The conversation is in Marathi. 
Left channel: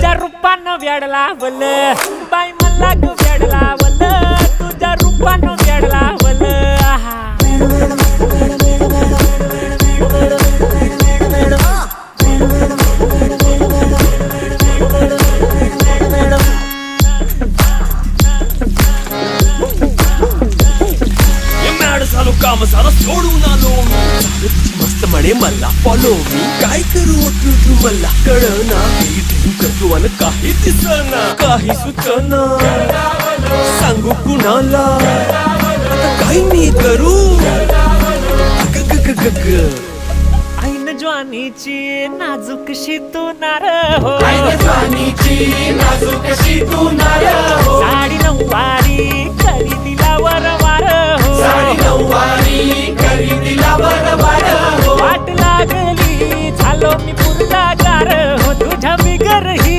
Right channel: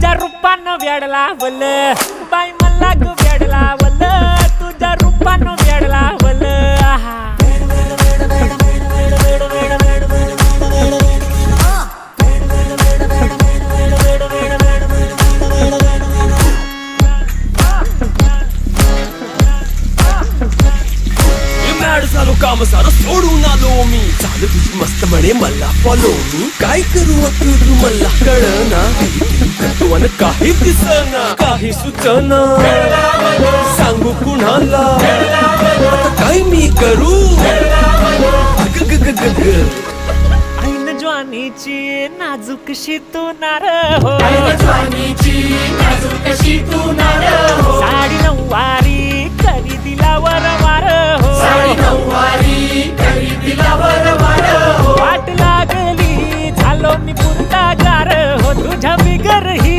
तुझ्या रूपानं वेड लावल बाई मला ग वेड लावल तुझ्या रूपानं वेड लावल आहा झालो काम सारं सोडून आलो मी झालं तुझी मस्त म्हणे मला फॉलो मी काय करू तू मला कळना करतो अन काही दिसना काही सुचना सांगू कुणाला आता काय मी करू अग ग ग ग ग ऐन ज्वानीची नाजूकशी तू नार हो साडी नऊवारी करी दिला वरवार हो वाट लागली झालो मी पुरता गार हो तुझ्या बिगर ही